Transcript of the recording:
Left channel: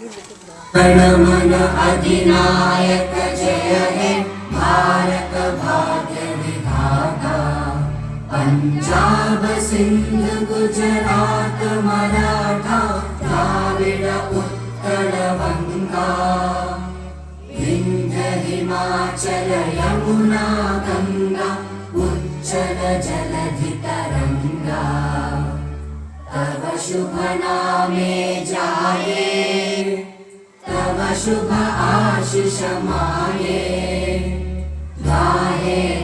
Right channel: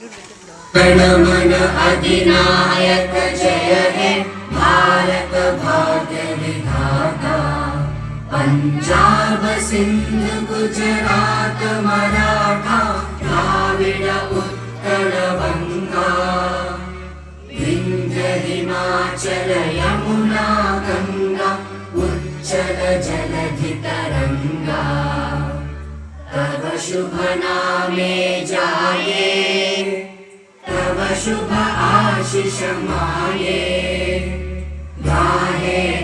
गणमन अधिनायक जय हे भारत भाग्य विधाता। पंजाब सिंध गुजरात मराठा द्राविड उत्कल बंगा। विंध्य हिमाचल यमुना गंगा उच्चल जलधि तरंगा। तव शुभ नामे जाये तव शुभ आशीष माये। गाहे